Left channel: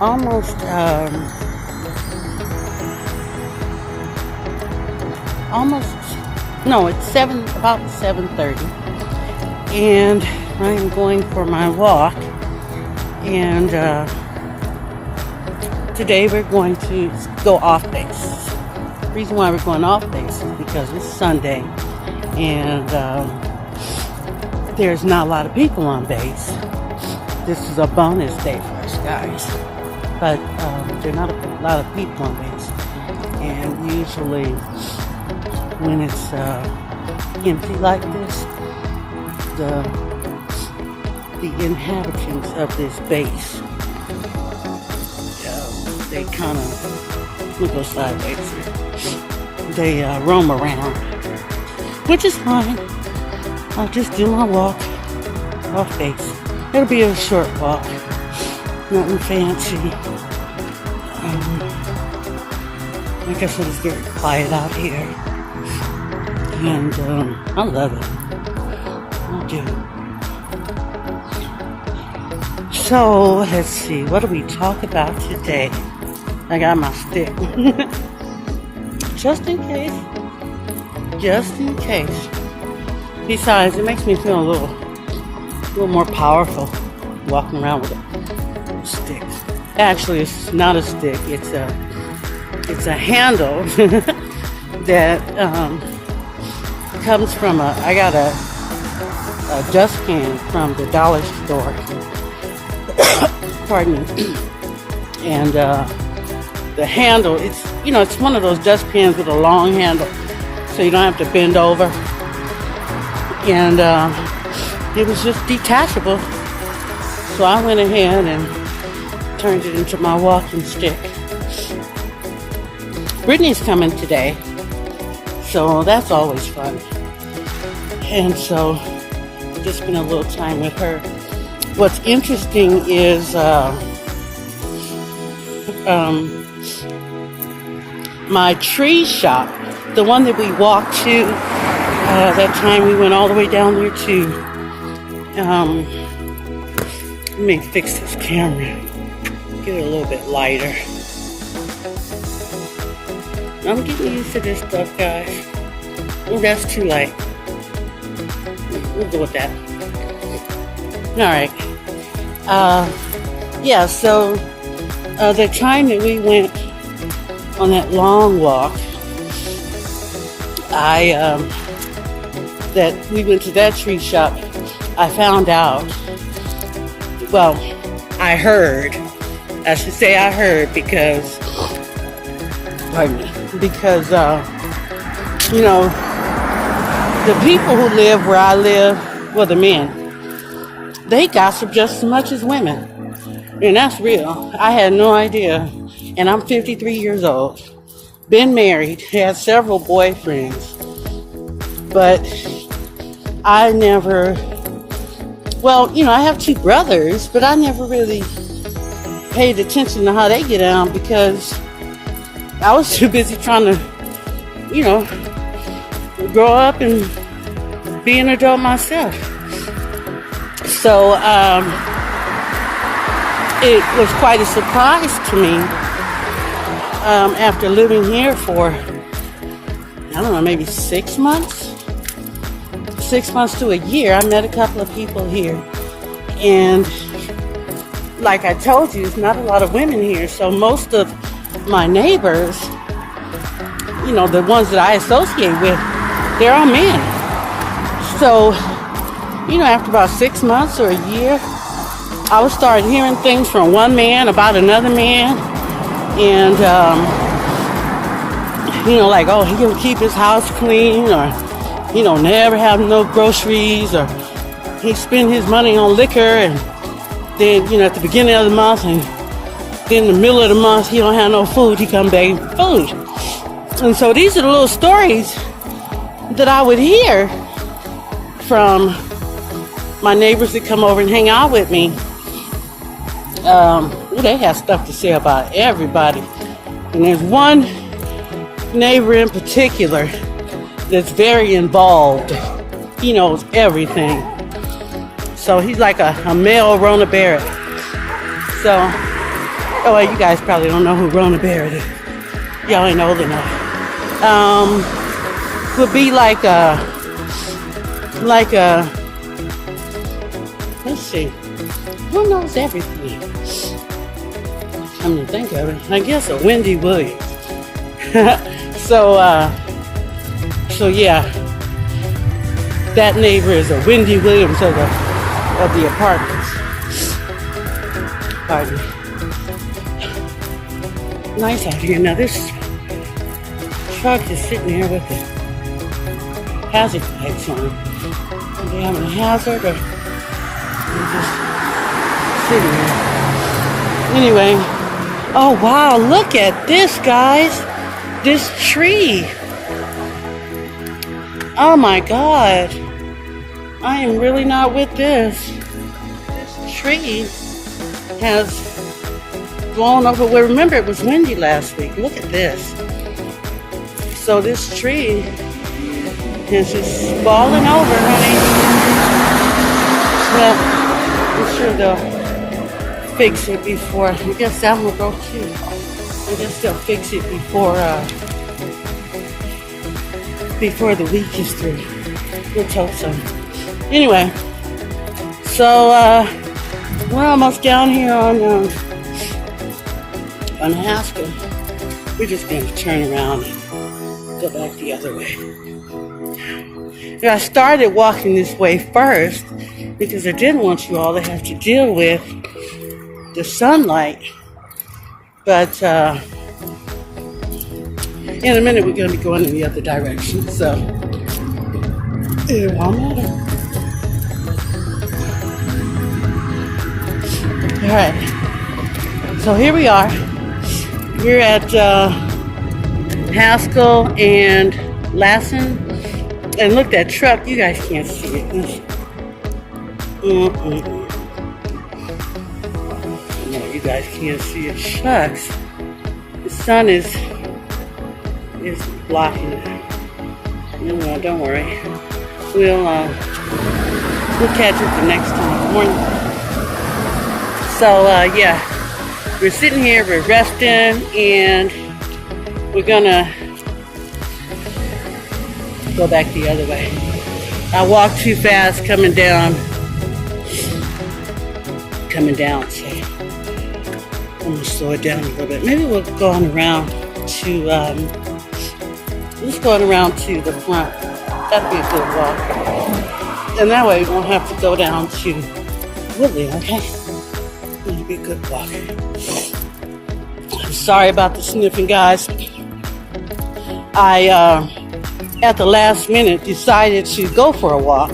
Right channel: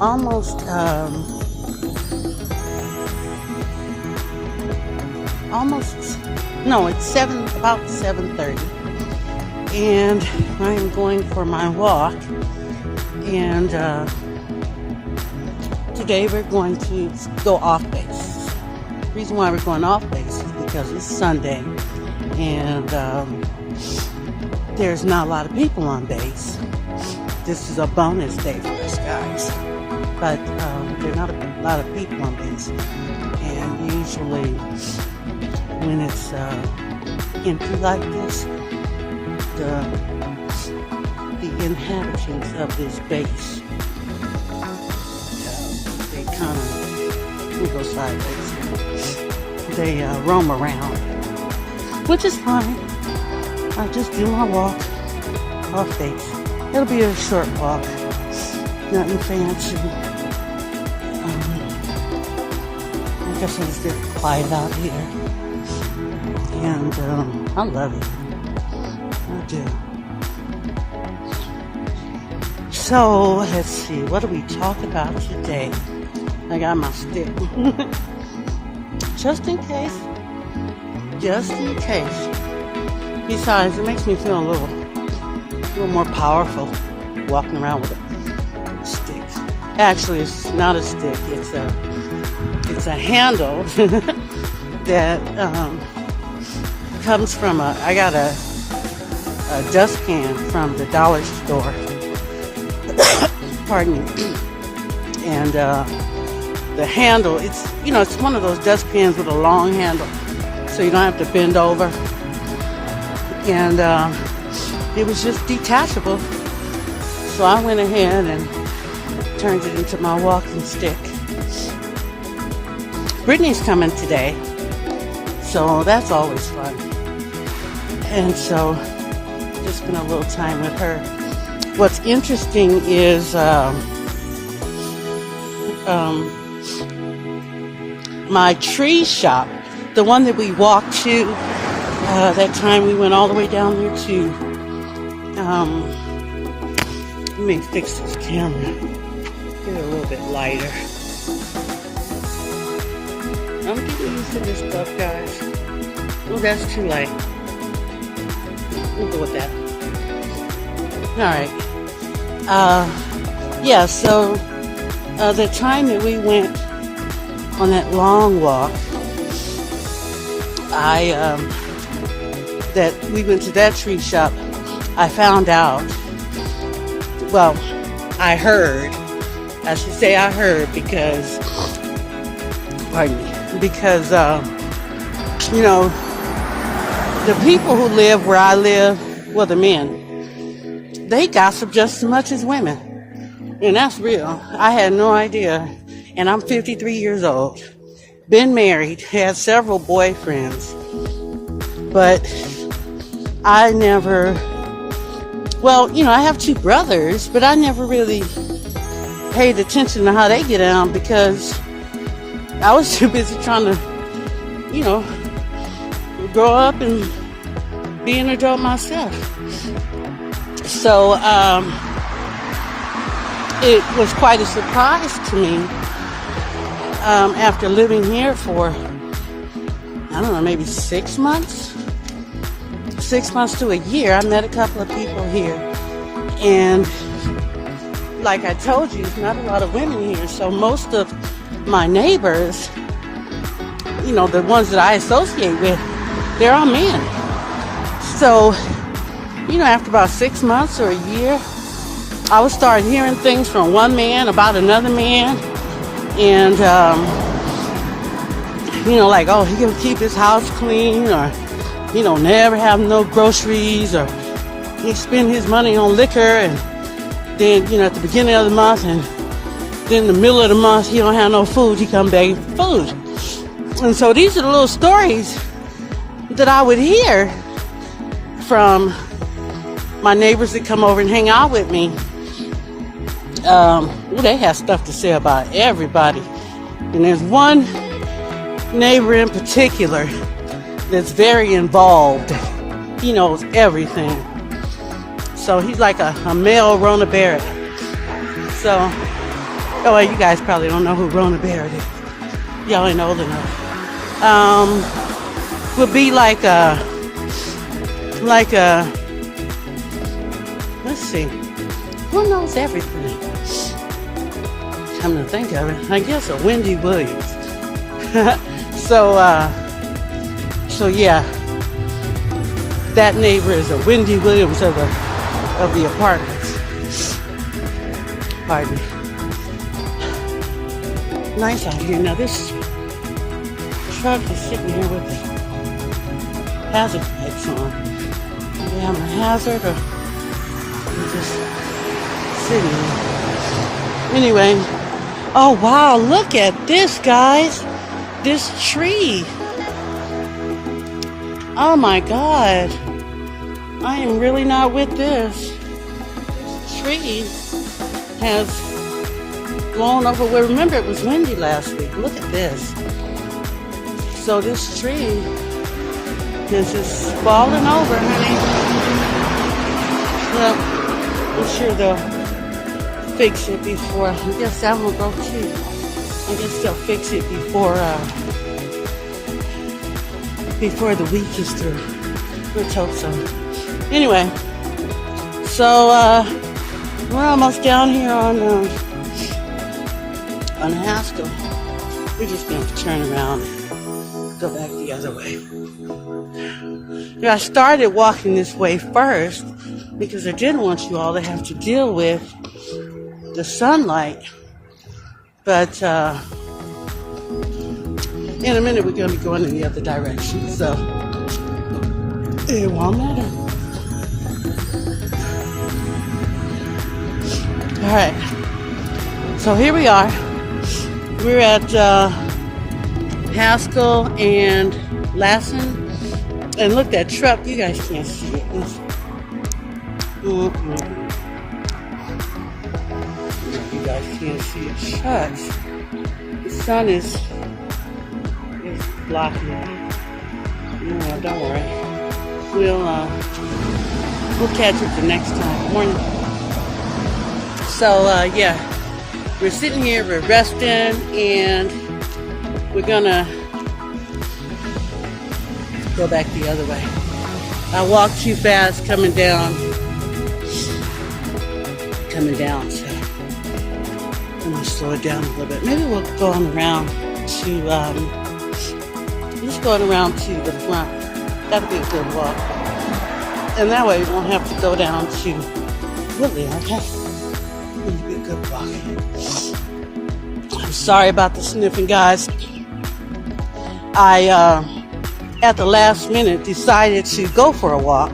almost, no, it's about 7:30. And I am going for my walk. And today we're going to go off base. The reason why we're going off base is because it's Sunday. And there's not a lot of people on base. This is a bonus day for us guys. But there's not a lot of people on base. And usually when it's empty like this, the inhabitants of this base, they come go sideways. They roam around, which is fine. I'll just do my walk off base. It'll be a short walk, nothing fancy. I guess it's getting quiet out here, and I love it. So, let's see, what do we talk about today? I got my stick. Just in case. Just in case. Besides, it makes me feel a little more powerful walking around with sticks. Actually, it's not a stick. It's a handle that comes from I got a dustpan from the dollar store. Pardon me. And the handle, it's one of those dustpans with a long handle, so you don't have to bend over. And it was just detachable, so I went ahead and turned it into my walking stick. Brittany's coming today, so that's always fun. And so just spent a little time with her. What's interesting is my tree shop, the one that we walked to, that time we went all the way down there to, let me fix this camera, get it a little bit lighter. I'm getting used to this stuff, guys. Oh, that's too light. We'll go with that. Alright. Yeah, so the time that we went on that long walk, that we went to that tree shop, I found out, well, I heard because the people who live where I live, well, the men, they gossip just as much as women. And that's real. I had no idea. And I'm 53 years old. Been married. Had several boyfriends. But I never... Well, I have two brothers, but I never really paid attention to how they get on because I was too busy trying to, grow up and be an adult myself. So, it was quite a surprise to me after living here for, I don't know, maybe 6 months? 6 months to a year. I met a couple of people here. And like I told you, not a lot of women here. So most of my neighbors, the ones that I associate with, they're all men. So, after about 6 months or a year, I would start hearing things from one man about another man. And, like, oh, he'll keep his house clean, or, never have no groceries, or he spend his money on liquor, and then, at the beginning of the month, and then in the middle of the month, he don't have no food, he come begging for food. And so these are the little stories that I would hear from my neighbors that come over and hang out with me. They have stuff to say about everybody. And there's one neighbor in particular that's very involved. He knows everything. So he's like a male Rona Barrett. So Oh, well, you guys probably don't know who Rona Bear is. Y'all ain't old enough. Would be like a, let's see, who knows everything? Come to think of it, I guess a Wendy Williams. So yeah, that neighbor is a Wendy Williams of the apartments. Pardon me. Nice out here. Now this truck is sitting here with the hazard lights on. We have a hazard or just sitting here. Anyway, oh wow, look at this, guys. This tree. Oh my God. I am really not with this. Tree has blown over. Well, remember it was windy last week. Look at this. So this tree is just falling over, honey. So I'm sure they'll fix it before. I guess that one broke too. I guess they'll fix it before the week is through. Let's hope so. Anyway, so we're almost down here on Haskell. We're just going to turn around and go back the other way. I started walking this way first because I didn't want you all to have to deal with the sunlight. But in a minute we're going to be going in the other direction. So it won't matter. All right. So here we are. We're at Haskell and Lassen. And look, that truck, you guys can't see it. You guys can't see it. Shucks. The sun is blocking it. No, don't worry. We'll catch it the next time. Morning. So, yeah. We're sitting here, we're resting, and we're gonna go back the other way. I walked too fast coming down, so I'm gonna slow it down a little bit. Maybe we'll go on around to, just going around to the front. That'd be a good walk. And that way we won't have to go down to Woodley, okay? Sorry about the sniffing, guys. I, at the last minute, decided to go for a walk.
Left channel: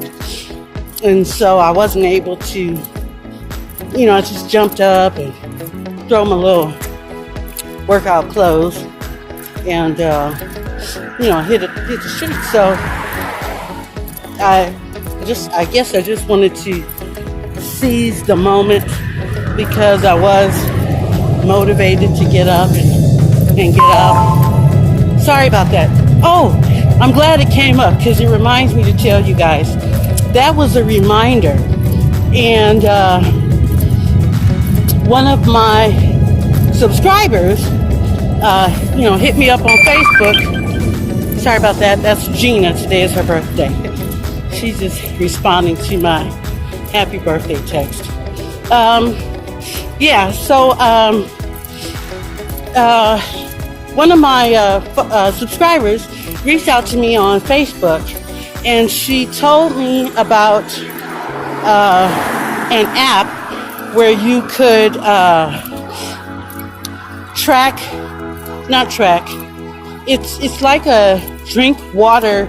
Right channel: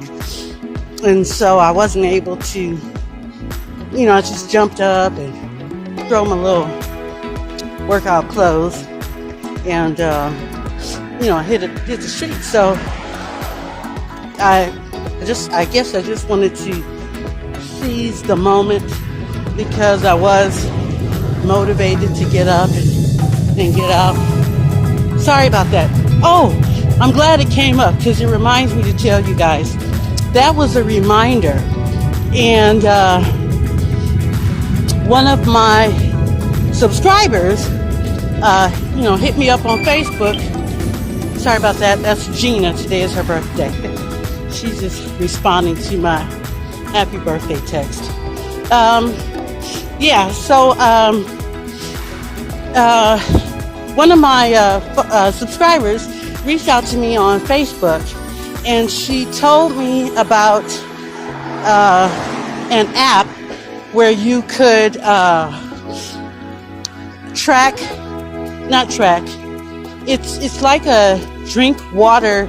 And so I wasn't able to, I just jumped up and threw my little workout clothes and, hit the street. So I guess I just wanted to seize the moment because I was motivated to get up and get out. Sorry about that. Oh, I'm glad it came up because it reminds me to tell you guys that was a reminder. And one of my subscribers, hit me up on Facebook. Sorry about that. That's Gina. Today is her birthday. She's just responding to my happy birthday text. One of my subscribers reached out to me on Facebook, and she told me about an app where you could it's like a drink water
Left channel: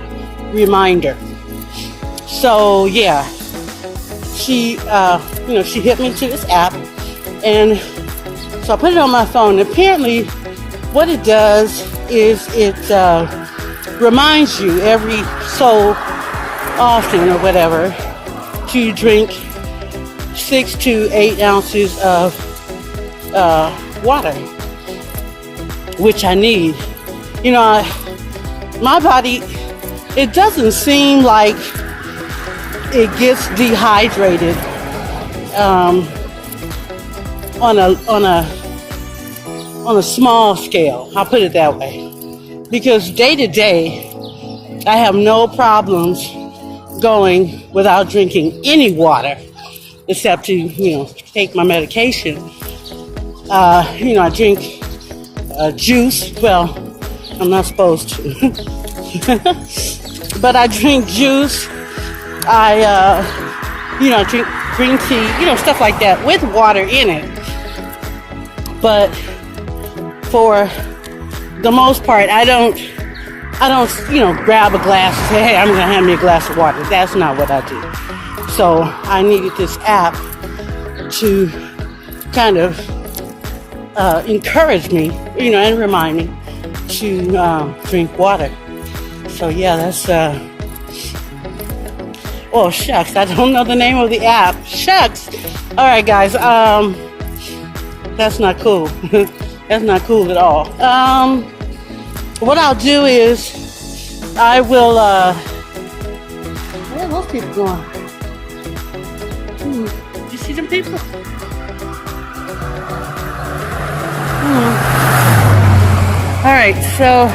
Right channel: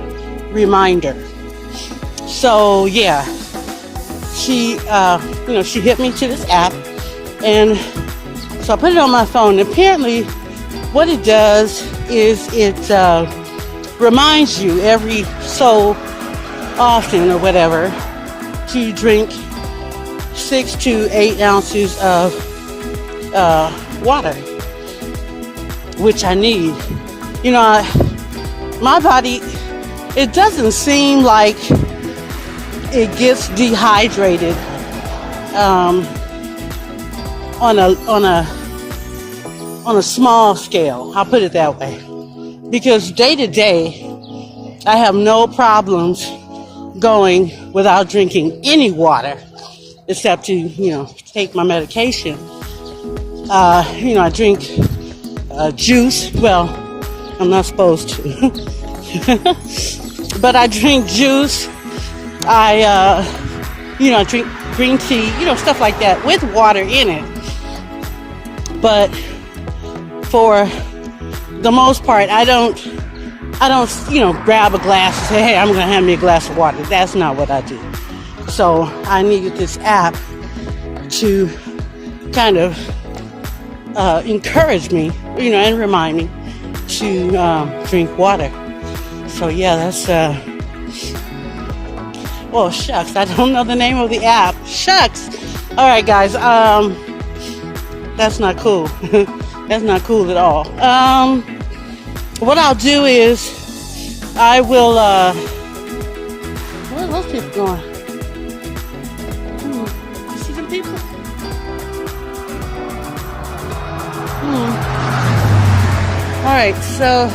reminder. So yeah, she hit me to this app, and so I put it on my phone. Apparently, what it does is it reminds you every so often or whatever to drink 6 to 8 ounces of water, which I need. My body, it doesn't seem like it gets dehydrated on a on a small scale. I'll put it that way. Because day to day, I have no problems going without drinking any water, except to, take my medication. I drink juice. Well, I'm not supposed to. But I drink juice. I drink green tea, stuff like that with water in it. But for the most part, I don't, grab a glass and say, hey, I'm going to have me a glass of water. That's not what I do. So I needed this app to kind of encourage me, and remind me to drink water. So yeah, that's, well, shucks, I don't know the name of the app. Shucks. All right, guys, that's not cool. That's not cool at all. What I'll do is I will, where are those people going? You see them people? All right, so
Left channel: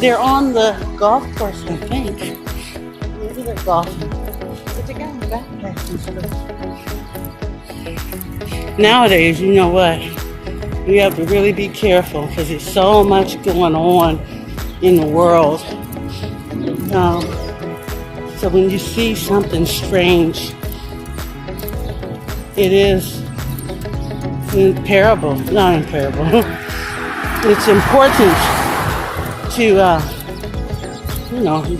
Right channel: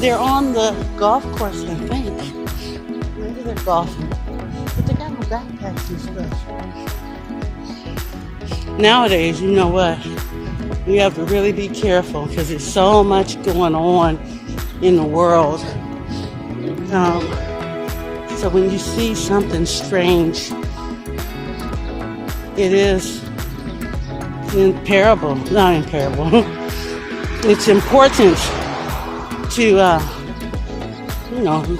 they're on the golf course, I think. Maybe they're golfing. But they got backpacks and stuff. Nowadays, you know what? You have to really be careful because there's so much going on in the world. So when you see something strange, it is imperable. Not imperable. It's important to,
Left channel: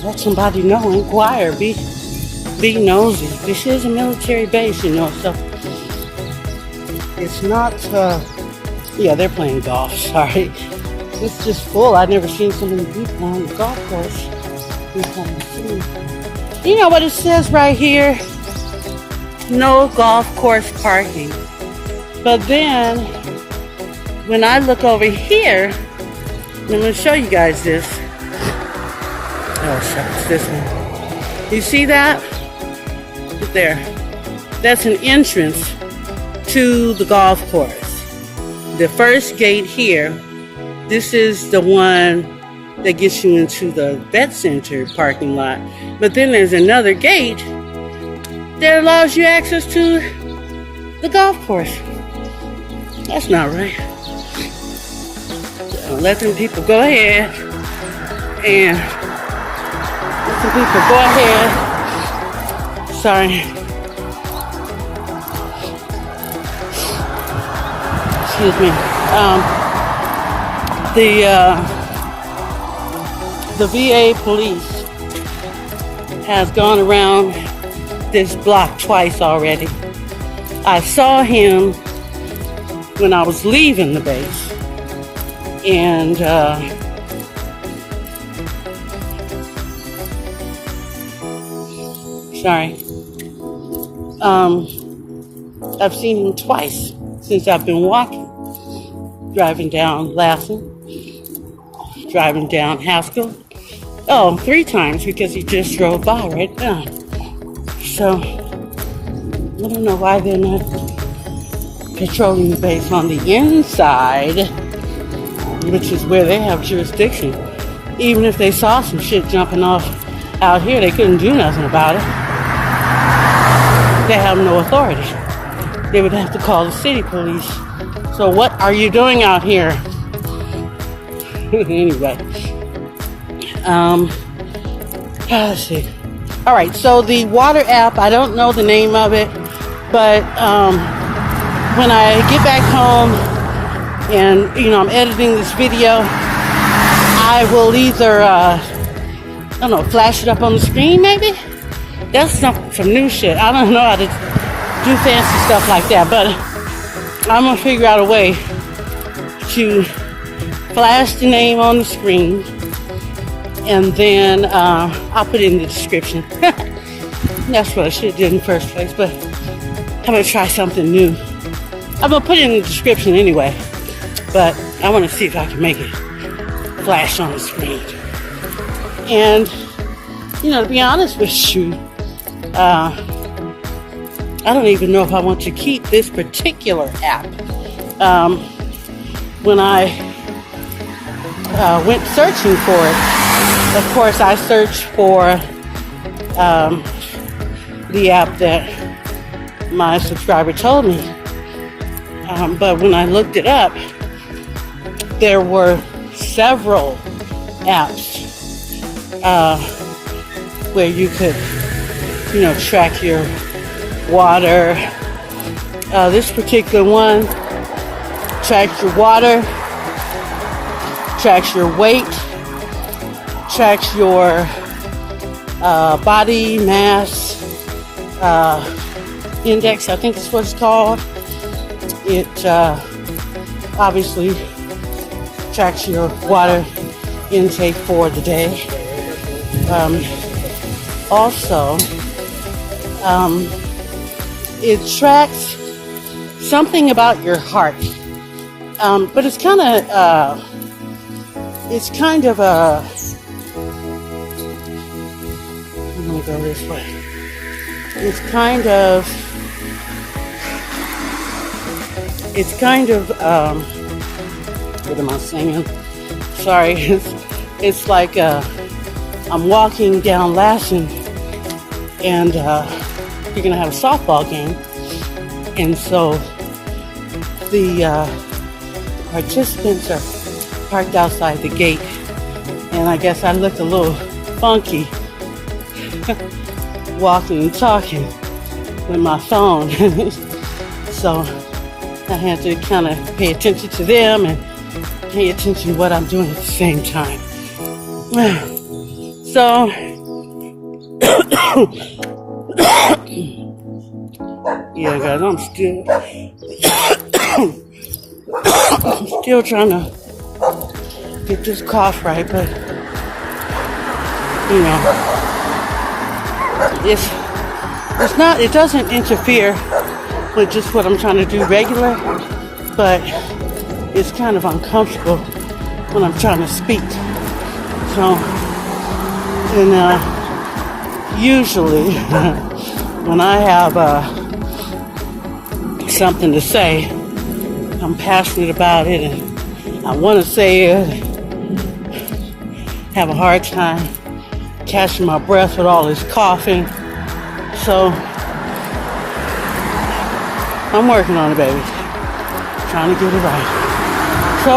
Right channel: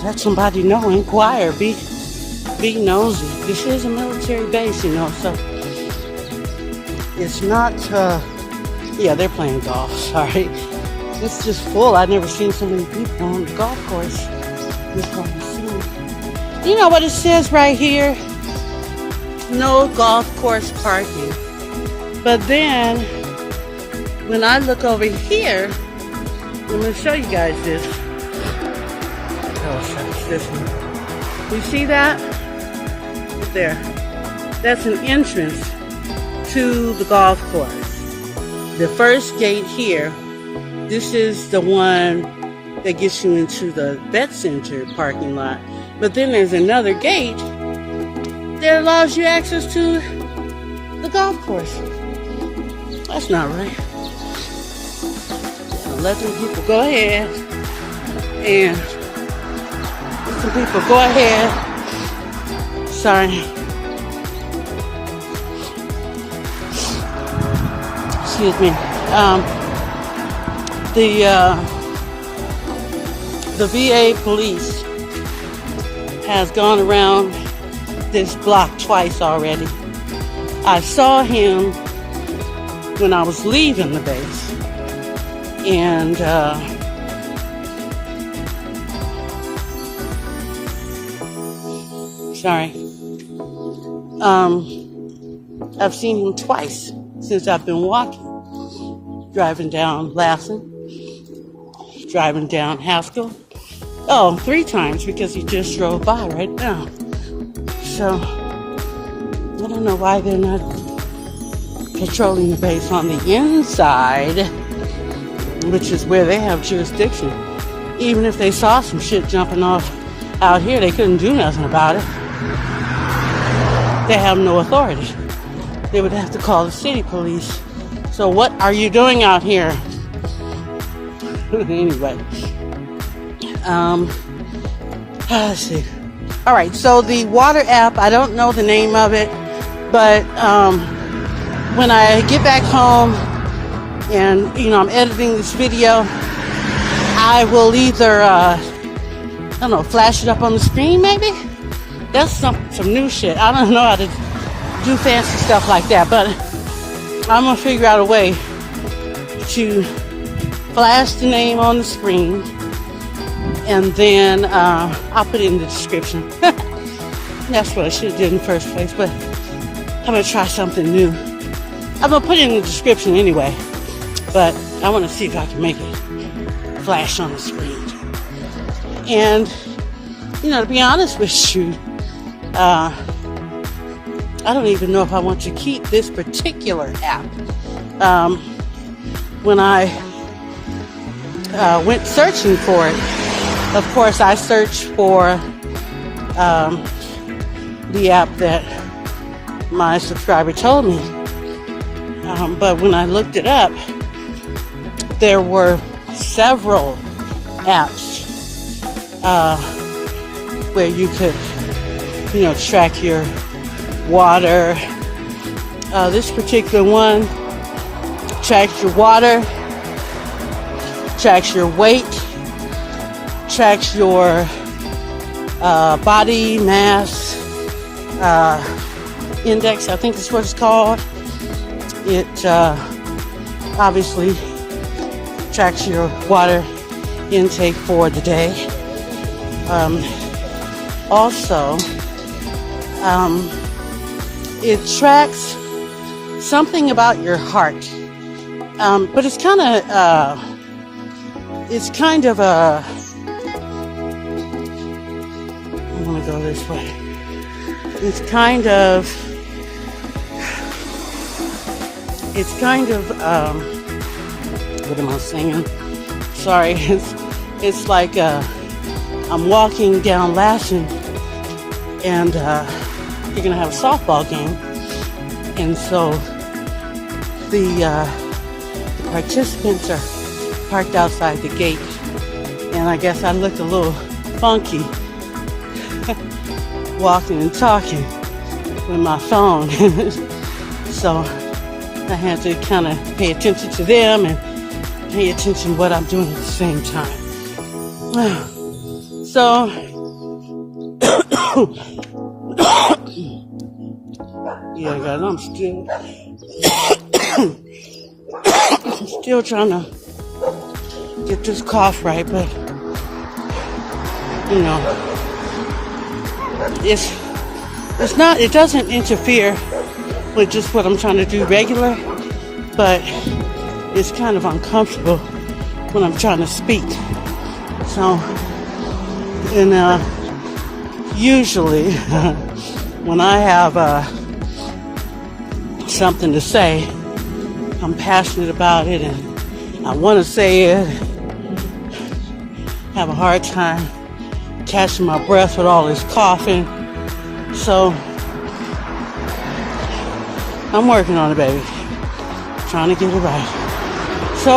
let somebody know, inquire, be nosy. This is a military base, so it's not, they're playing golf, sorry. It's just full. I've never seen so many people on the golf course. You know what it says right here? No golf course parking. But then, when I look over here, I'm going to show you guys this. You see that? There. That's an entrance to the golf course. The first gate here, this is the one that gets you into the vet center parking lot. But then there's another gate that allows you access to the golf course. That's not right. Let them people go ahead and let the people go ahead. Sorry. Excuse me. The VA police has gone around this block twice already. I saw him when I was leaving the base. And I've seen him twice since I've been walking. Driving down Lassen, driving down Haskell. Oh, 3 times because he just drove by right now. So, I don't know why they're not patrolling the base on the inside, which is where they have jurisdiction. Even if they saw some shit jumping off out here, they couldn't do nothing about it. They have no authority. They would have to call the city police. So what are you doing out here? Anyway. Let's see. All right, so the water app, I don't know the name of it, but when I get back home and, I'm editing this video, I will either, flash it up on the screen maybe? That's some new shit. I don't know how to do fancy stuff like that, but I'm going to figure out a way to flash the name on the screen, and then I'll put it in the description. That's what I should have did in the first place, but I'm going to try something new. I'm going to put it in the description anyway, but I want to see if I can make it flash on the screen. And, to be honest with you, I don't even know if I want to keep this particular app. When I went searching for it, of course I searched for the app that my subscriber told me. But when I looked it up, there were several apps where you could, track your water. This particular one tracks your water, tracks your weight, tracks your body mass index, I think is what it's called. It obviously tracks your water intake for the day. Also, it tracks something about your heart, but it's kind of a. I'm gonna go this way. It's kind of. What am I saying? Sorry, it's like I'm walking down Lassen, and we're gonna have a softball game, and so the participants are parked outside the gate, and I guess I looked a little funky walking and talking with my phone, so I had to kind of pay attention to them and pay attention to what I'm doing at the same time. So, yeah, guys, I'm still trying to get this cough right, but it doesn't interfere with just what I'm trying to do regular, but it's kind of uncomfortable when I'm trying to speak. So, and usually when I have something to say, I'm passionate about it and I want to say it, have a hard time catching my breath with all this coughing. So I'm working on it, baby. Trying to get it right. So,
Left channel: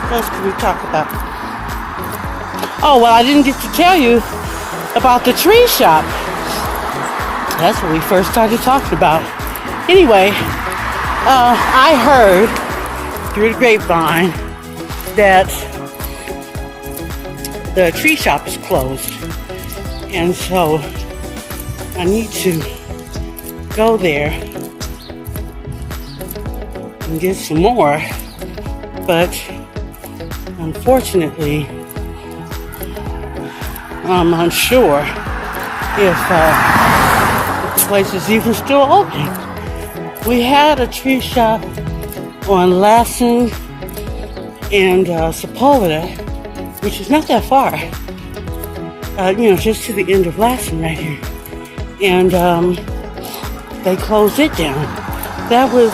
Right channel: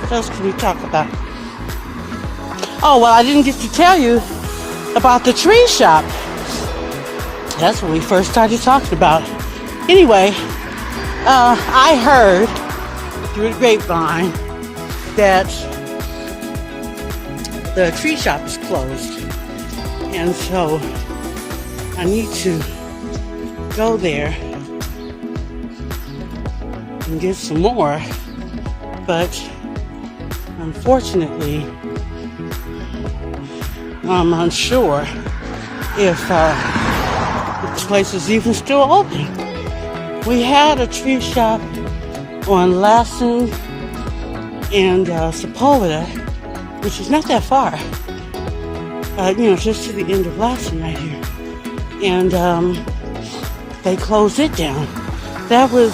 what else can we talk about? Oh, well, I didn't get to tell you about the tree shop. That's what we first started talking about. Anyway, I heard through the grapevine that the tree shop is closed. And so I need to go there and get some more. But unfortunately, I'm unsure if the place is even still open. We had a tree shop on Lassen and Sepulveda, which is not that far. Just to the end of Lassen right here. And they closed it down. That was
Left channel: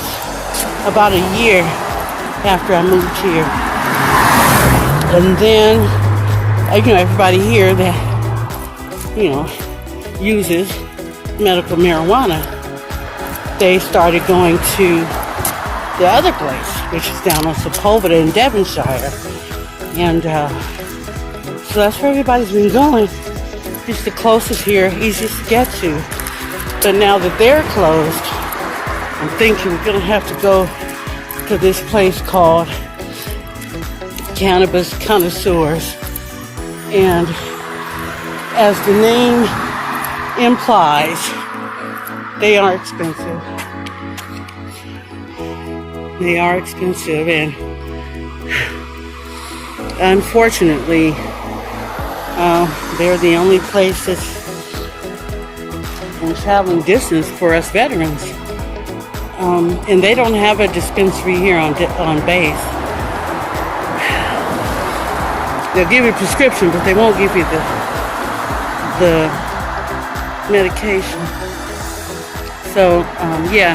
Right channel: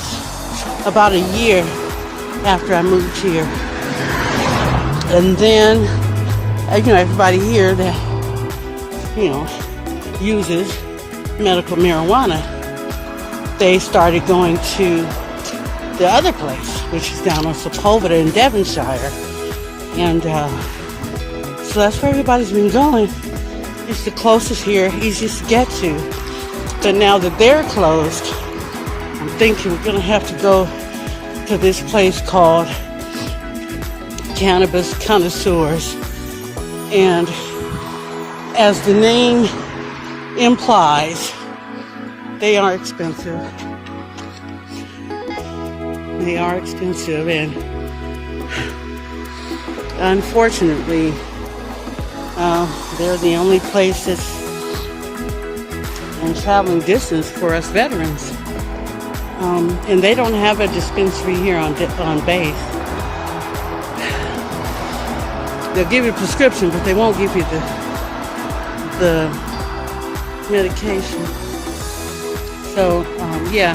about a year after I moved here. And then, everybody here that, uses medical marijuana, they started going to the other place, which is down on Sepulveda in Devonshire. And so that's where everybody's been going. It's the closest here, easiest to get to. But now that they're closed, I'm thinking we're going to have to go to this place called Cannabis Connoisseurs. And as the name implies, they are expensive. They are expensive, and unfortunately, they're the only place that's traveling distance for us veterans. And they don't have a dispensary here on base. They'll give you a prescription, but they won't give you the medication. So, yeah,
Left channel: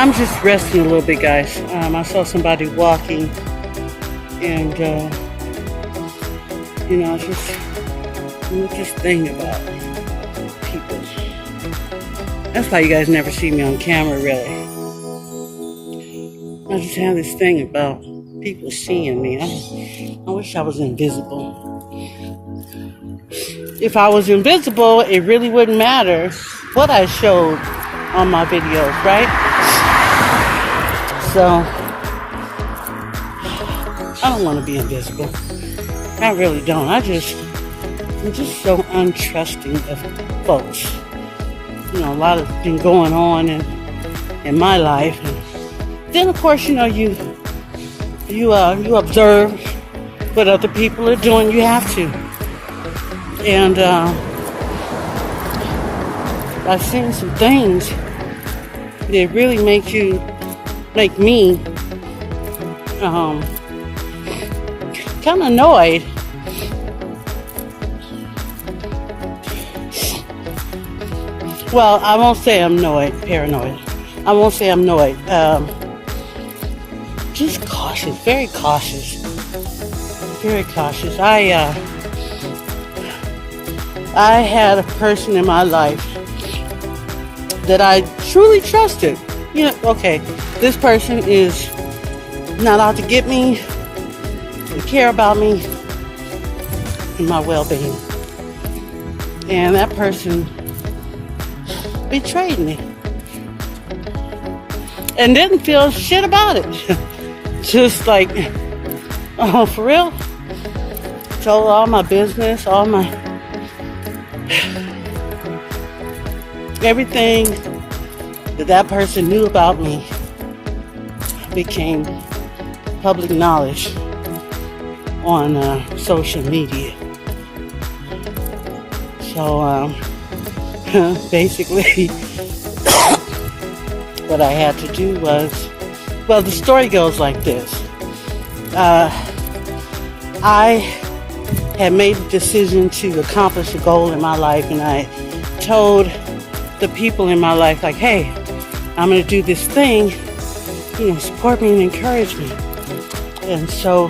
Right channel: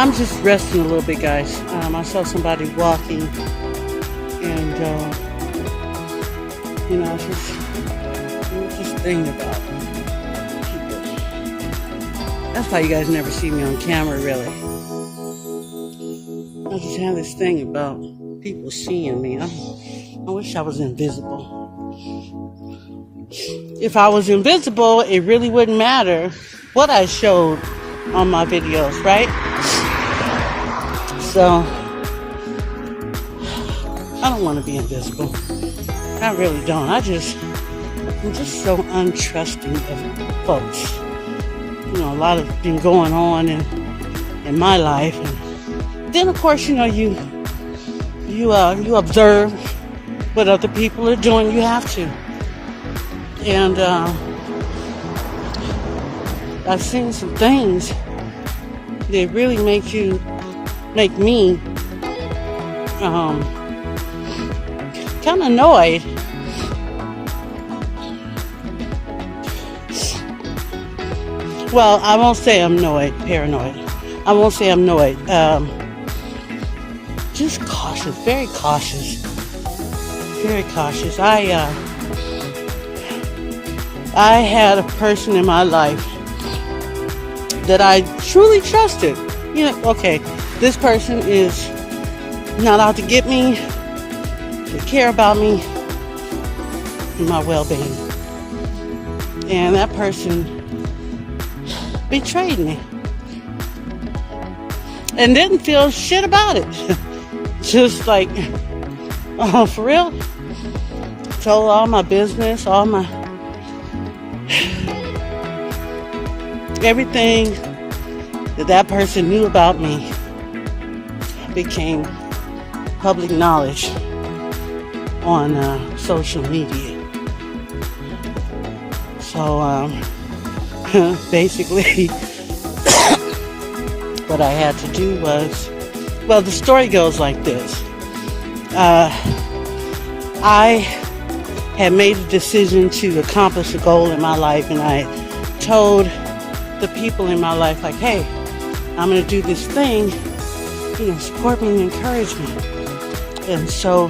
I'm just resting a little bit, guys. I saw somebody walking, and, just thinking about people. That's why you guys never see me on camera, really. I just have this thing about people seeing me. I wish I was invisible. If I was invisible, it really wouldn't matter what I showed on my videos, right? So, I don't want to be invisible. I really don't. I'm just so untrusting of folks. A lot of things going on in my life. Then, of course, you observe what other people are doing. You have to. And I've seen some things that really make me kind of annoyed. Well, I won't say I'm paranoid. I won't say I'm annoyed. Just cautious, very cautious. Very cautious. I had a person in my life that I truly trusted. Okay, this person is not out to get me, to care about me, and my well-being. And that person betrayed me. And didn't feel shit about it. Just like, oh, for real? Told all my business, all my everything that person knew about me became public knowledge on social media. So basically what I had to do was, well, the story goes like this. I had made the decision to accomplish a goal in my life, and I told the people in my life, like, hey, I'm going to do this thing, support me and encourage me. And so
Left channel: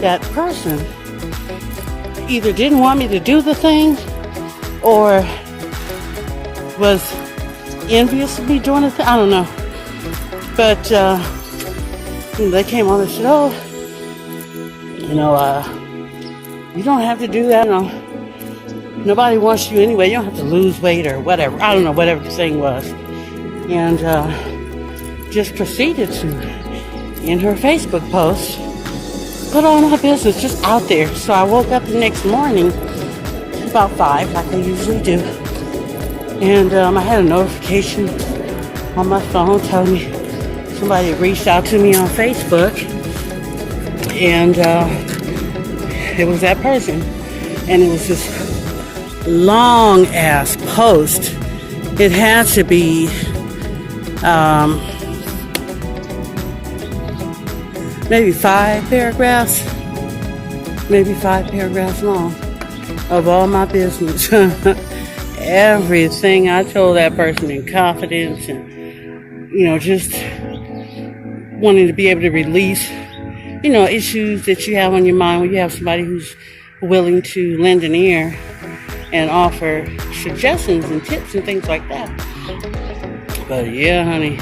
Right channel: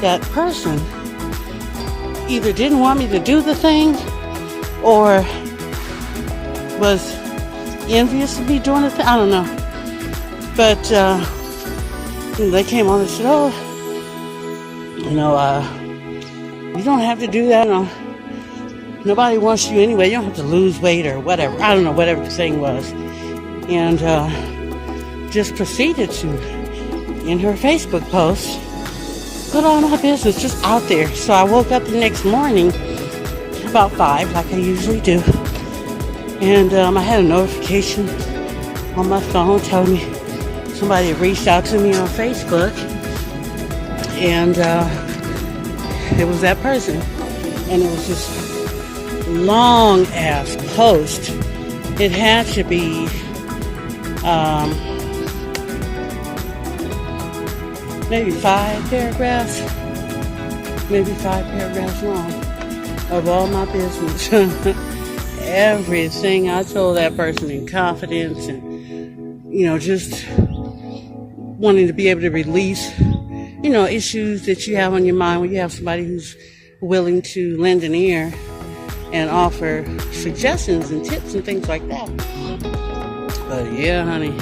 that person either didn't want me to do the thing or was envious of me doing the thing. I don't know. But they came on and said, oh, you don't have to do that. No. Nobody wants you anyway. You don't have to lose weight or whatever. I don't know, whatever the thing was. And just proceeded to, in her Facebook post, put all my business just out there. So I woke up the next morning about 5, like I usually do. And I had a notification on my phone telling me somebody had reached out to me on Facebook. And it was that person. And it was this long ass post. It had to be maybe 5 paragraphs long of all my business. Everything I told that person in confidence, and just wanting to be able to release issues that you have on your mind when you have somebody who's willing to lend an ear and offer suggestions and tips and things like that. But yeah, honey,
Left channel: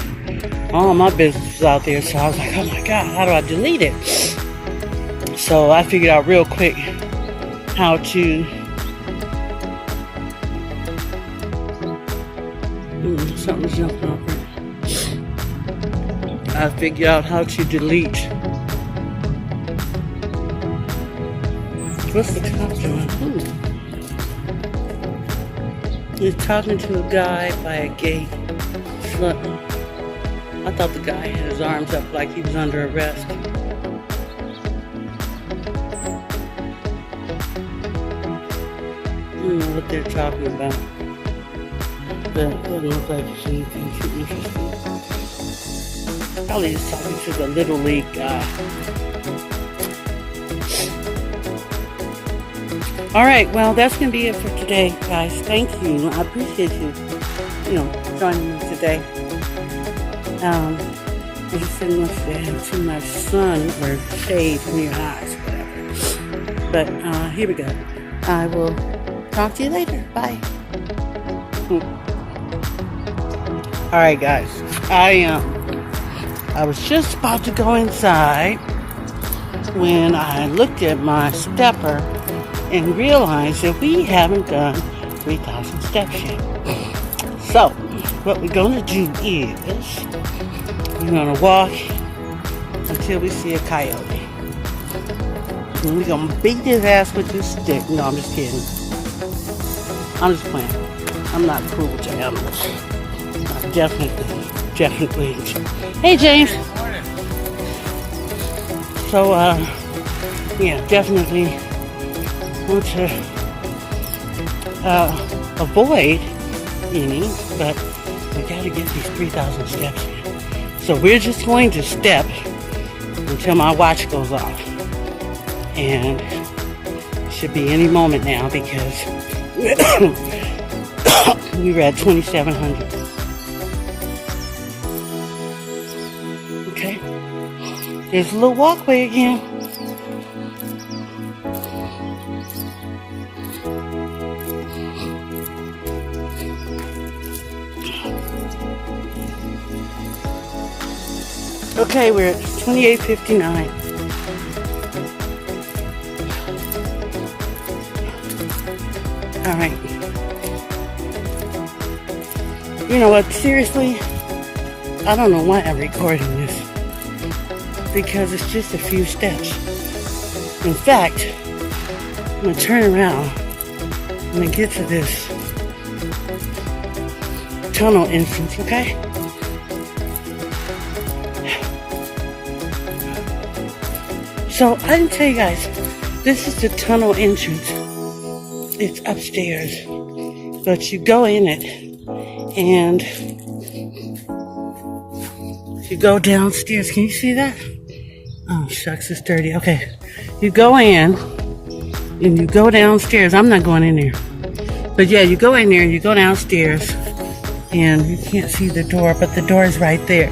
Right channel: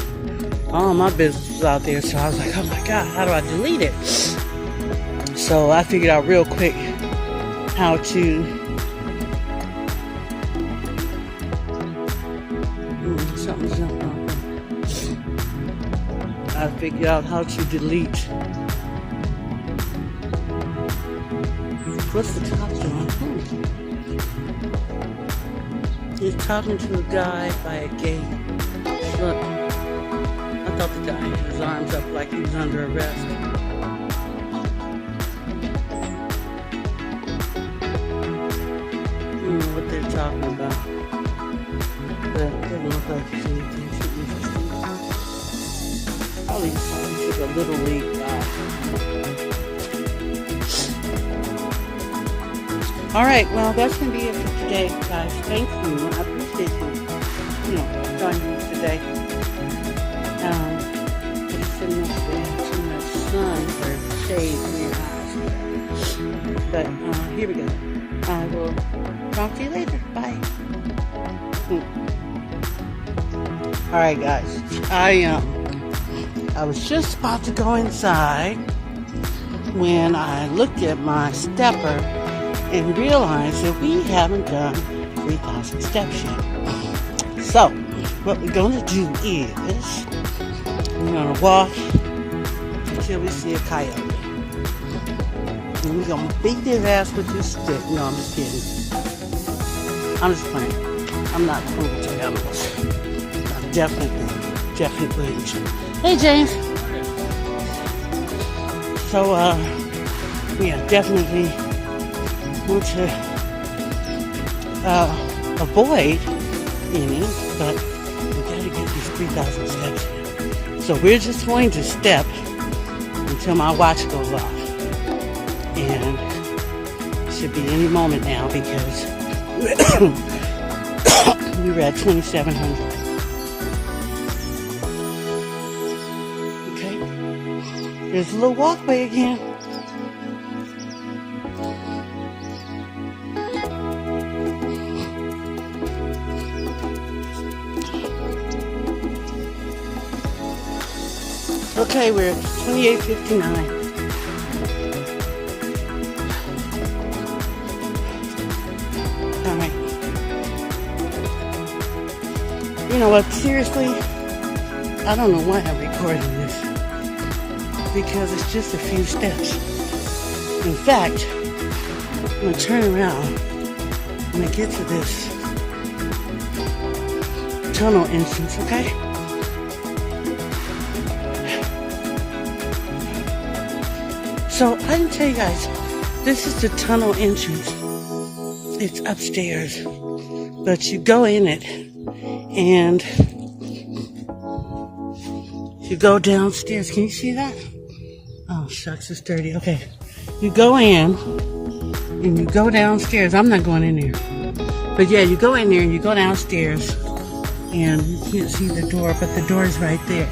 all my business was out there, so I was like, oh my God, how do I delete it? So I figured out real quick how to figure out how to delete. What's the time? You're talking to a guy by a gate. I thought the guy had his arms up like he was under arrest. What they're talking about. All right, well, that's going to be it for today, guys. thank you. I appreciate you, joining me today. Sending this to my son for shade in your eyes. But here we go. I will talk to you later. Bye. All right, guys. I was just about to go inside when I looked at my stepper and realized that we haven't done 3,000 steps yet. So, what we're going to do is we're going to walk until we see a coyote. And we're going to beat his ass with this stick. No, I'm just kidding. I'm just playing. I'm not cruel to animals. I'm definitely. Hey, James. So, definitely want to avoid eating, but we gotta get these 3,000 steps. So we're just going to step until my watch goes off. And it should be any moment now because we were at 2,700. There's a little walkway again. Okay, we're at 28:59. All right. You know what? Seriously, I don't know why I recorded this. Because it's just a few steps. In fact, I'm going to turn around and get to this tunnel entrance, okay? So, I didn't tell you guys, this is the tunnel entrance. It's upstairs. But you go in it, and you go downstairs. Can you see that? Oh, shucks, it's dirty. Okay. You go in, and you go downstairs. I'm not going in there. But yeah, you go in there, you go downstairs, and you can't see the door, but the door is right there.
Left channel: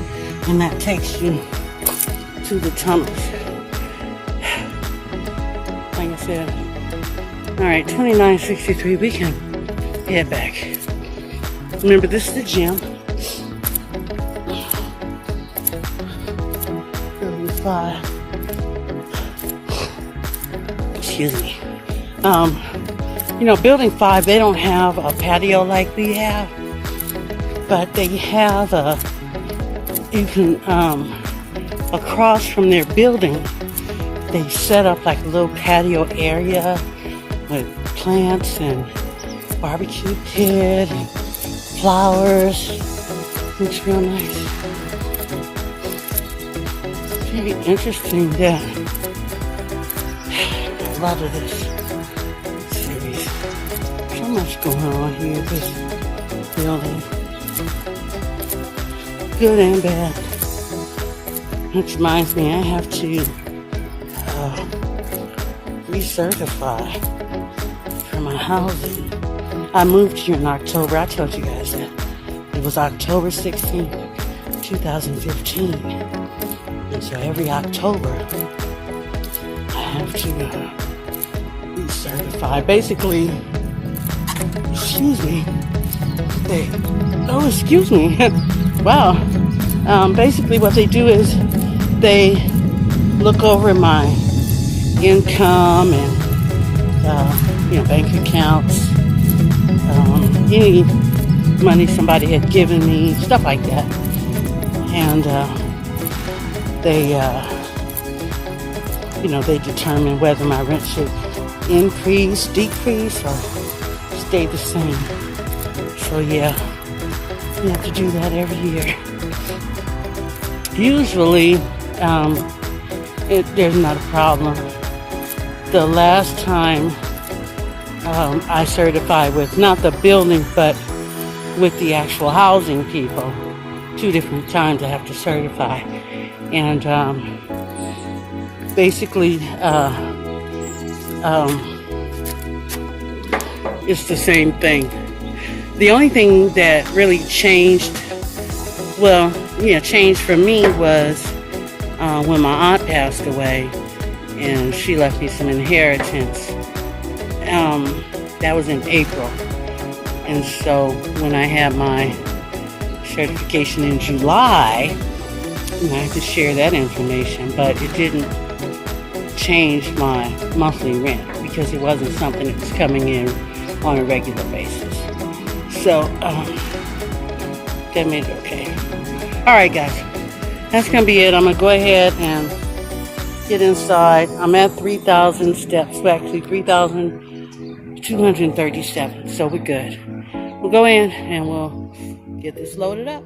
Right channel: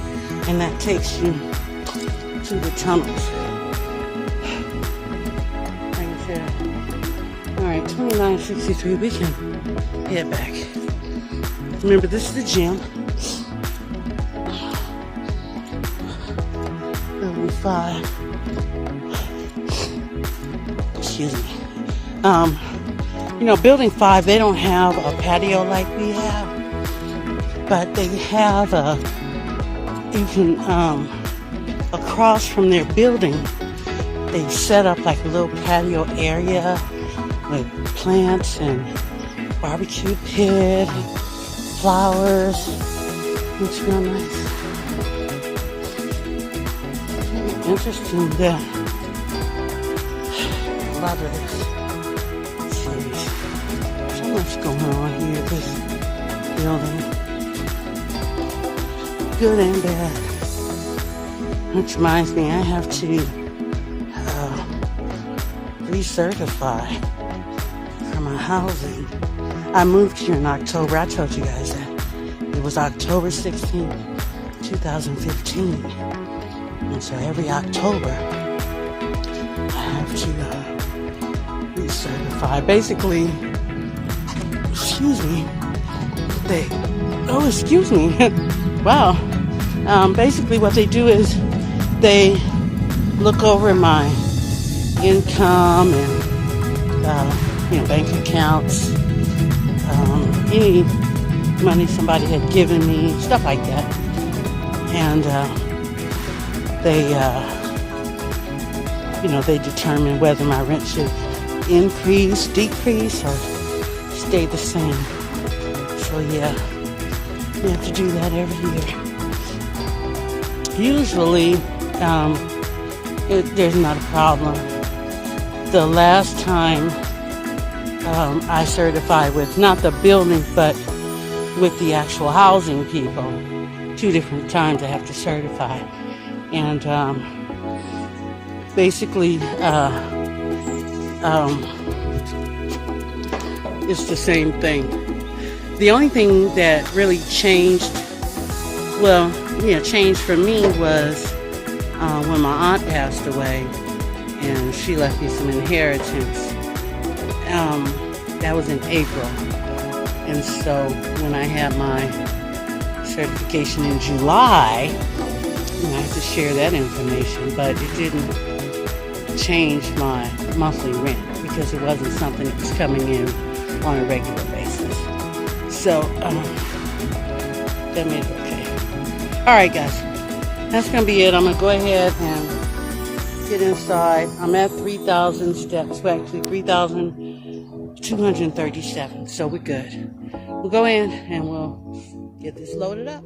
And that takes you to the tunnels. Alright, 29:63. We can head back. Remember, this is the gym. 5. Excuse me. Building 5, they don't have a patio like we have, but they have across from their building, they set up like a little patio area with plants and barbecue pit, flowers. It's real nice. Interesting, yeah. Love this series. There's much going on here. Just building. Good and bad. Which reminds me, I have to recertify for my housing. I moved here in October. I told you guys that. It was October 16, 2015. So every October, I have to certify. Basically, excuse me. Wow. Basically, what they do is they look over my income and bank accounts, any money somebody had given me, stuff like that, and they determine whether my rent should increase, decrease, or stay the same. So yeah, you have to do that every year. Usually, there's not a problem. The last time I certified with, not the building, but with the actual housing people, 2 different times I have to certify. And basically, it's the same thing. The only thing that really changed, changed for me was when my aunt passed away and she left me some inheritance. That was in April. And so when I had my certification in July, I had to share that information, but it didn't change my monthly rent because it wasn't something that was coming in on a regular basis. So, that made it okay. Alright guys, that's going to be it. I'm going to go ahead and get inside. I'm at 3,000 steps, actually 3,237, so we're good. We'll go in and we'll get this loaded up.